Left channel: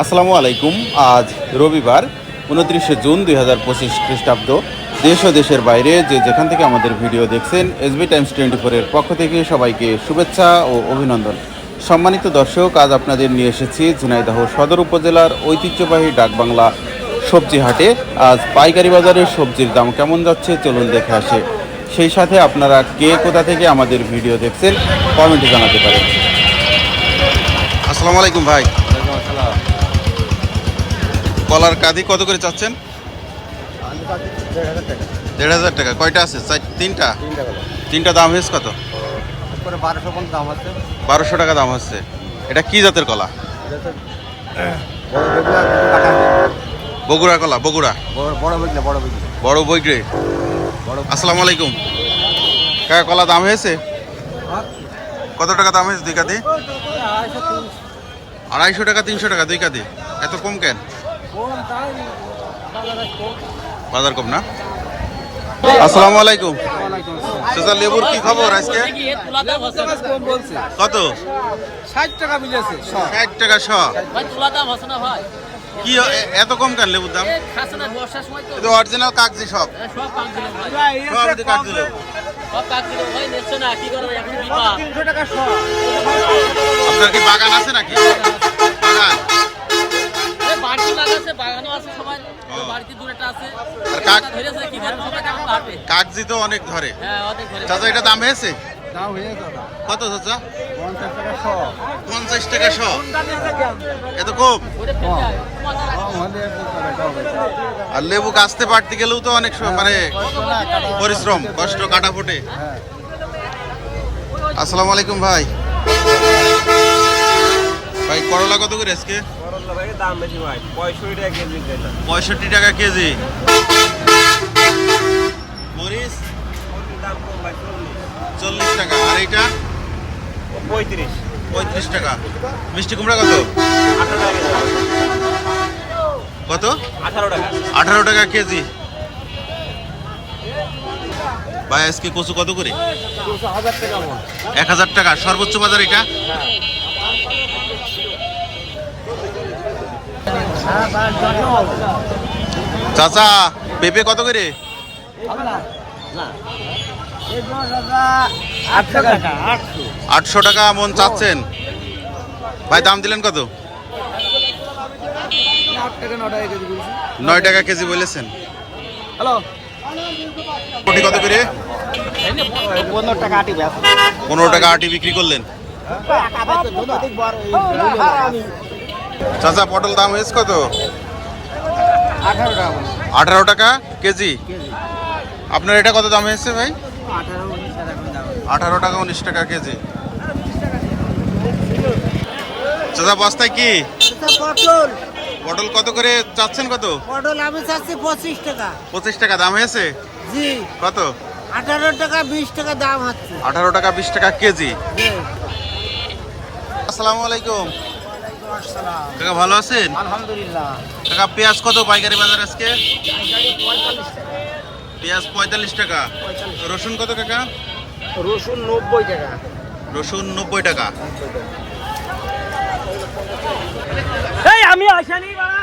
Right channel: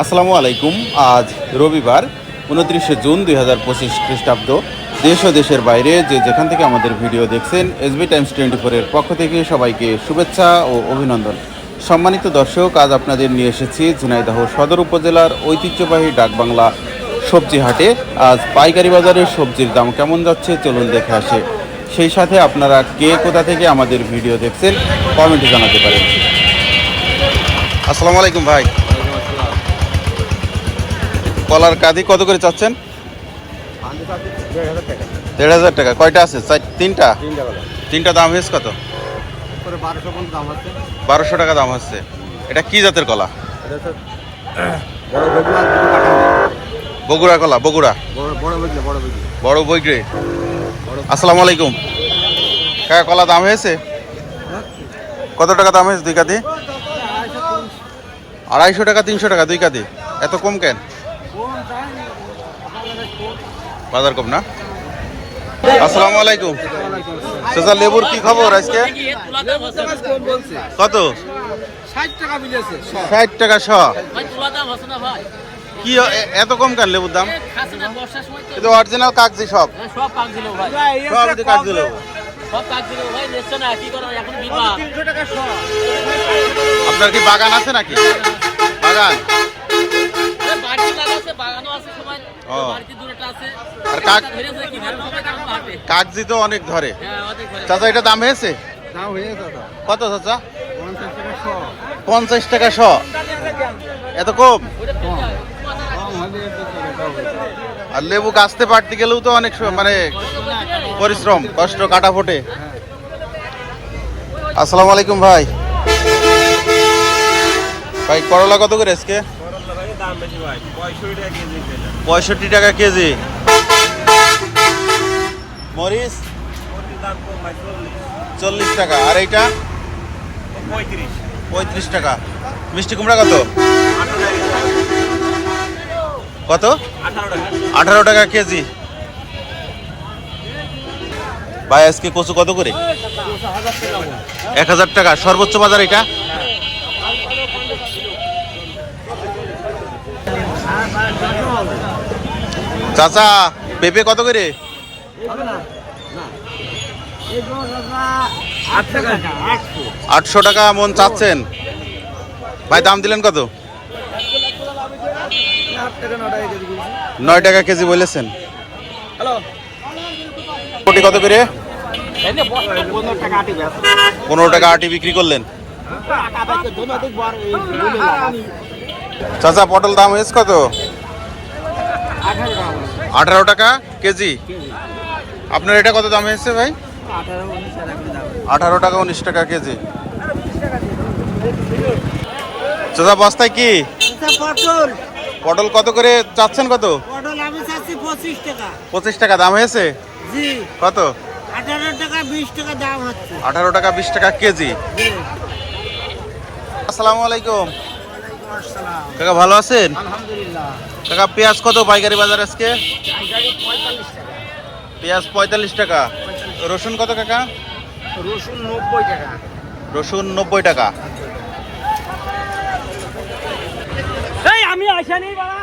আসসালামু আলাইকুম। আজ রবিবার, উনত্রিশে জুন দুই হাজার পঁচিশ খ্রিস্টাব্দ। দেশ ও দেশের বাইরে যে যেখান থেকে আমাদের ভিডিও দেখছেন এসবি টাইমস টোয়েন্টি ফোরের পক্ষ থেকে সবাইকে শুভেচ্ছা ও অভিনন্দন। সম্মানিত দর্শক, আজ আপনাদের নিয়ে এসেছি ঝিনাইদহ সদর উপজেলার ঐতিহ্যবাহী ডাকবাংলা সবজি হাটে। আজ পাইকারি বাজারে সবজির দাম কেমন যাচ্ছে, চলুন দেখে আসে। সেই সাথে আপনারা কে কোথা থেকে আমাদের ভিডিও দেখছেন কমেন্টে জানাতে পারেন। আসসালামু আলাইকুম ভাই। কলার কাঁদি কত করে চাচ্ছেন? দেড় হাজার টাকা। কয়টা আছে? তিনটা? তিনটা দাম হয়েছে কত? বারোশো টাকা দাম হচ্ছে। এটা কি জাতের কলা? বগুড়া কলা, বগুড়া। বড় বড় আসসালামু আলাইকুম। কাকা, কলা দাম হয়েছে? কত টাকা দাম হয়েছে দুই কাদি আড়াইশো টাকা, তিনশো টাকা দুই কাদি এত কম কেন? বাজার কম না? আসসালামু আলাইকুম। চাচা লেবুর কি খবর আজকে? কত? ষাট টাকা শ। কি এত কম কেন লেবুর দাম? অরিজিনাল কাগজি সব। সব কাগজি আপনার কি বাগান আছে নাকি? বাগান। আর কাক- কাগজি তো অনেক ধরে। চাচা এটা দাম হয়েছে? কত চাচা? পঞ্চাশ টাকা শ। এত কম? আর লেবু গাছতে পারতে গেলেও তো অনেক মানে কাটা পরিশ্রম কষ্ট কাটা ফোটে। হ্যাঁ। আসসালামু আলাইকুম ভাই। ভাই করলা কত করে আজকে? দাম বেশি ভাই। পঁয়ষট্টি টাকা কেজি পঁয়ষট্টি টাকা কেজি। মরিচ? দাম কম ভাই চল্লিশ। চল্লিশ টাকা। আর এইটা? পঁয়ত্রিশ। পঁয়ত্রিশ টাকা। মিষ্টি কুমড়া কত? কত? আঠারো টাকা। কেজি। ভাই আজকে কচু কত করে? এক হাজার টাকা। সর্বোচ্চ বাজার এটা চাচা, পেঁপে কত করে? আটশো টাকা মন চাচ্ছেন। ভাই, দাম দিলেন কত? নয় টাকা কেজি বলেছেন। কোটি কত করে? পনেরো টাকা আটি বিক্রি করলেন। চাচা পটল দাম হয়েছে কত? আঠারো টাকা কেজি? আপনার এটা কত দাম হয়েছে ভাই? আঠারো টাকা উনিশ টাকা কেজি। চাচা বস্তায় কি? পটল। কত করে চাচ্ছেন কত? পটল আমি চাচ্ছি পঁচিশ টাকা। পঁচিশ টাকা দাম হয়েছে? কত? আঠারো টাকা বিশ টাকা দাম হচ্ছে। আঠারো টাকা বিশ টাকা কেজি। আসসালামু আলাইকুম। কাকা ভালো আছেন? আলহামদুলিল্লাহ। কাকা পেঁয়াজ কত পাইকারি বাজার আজকে? টাকা। পেঁয়াজ পঁয়তাল্লিশ টাকা। রসুন কত কাকা? রসুন নব্বই টাকা। রসুন নব্বই টাকা। আমি আসানি বাড়া।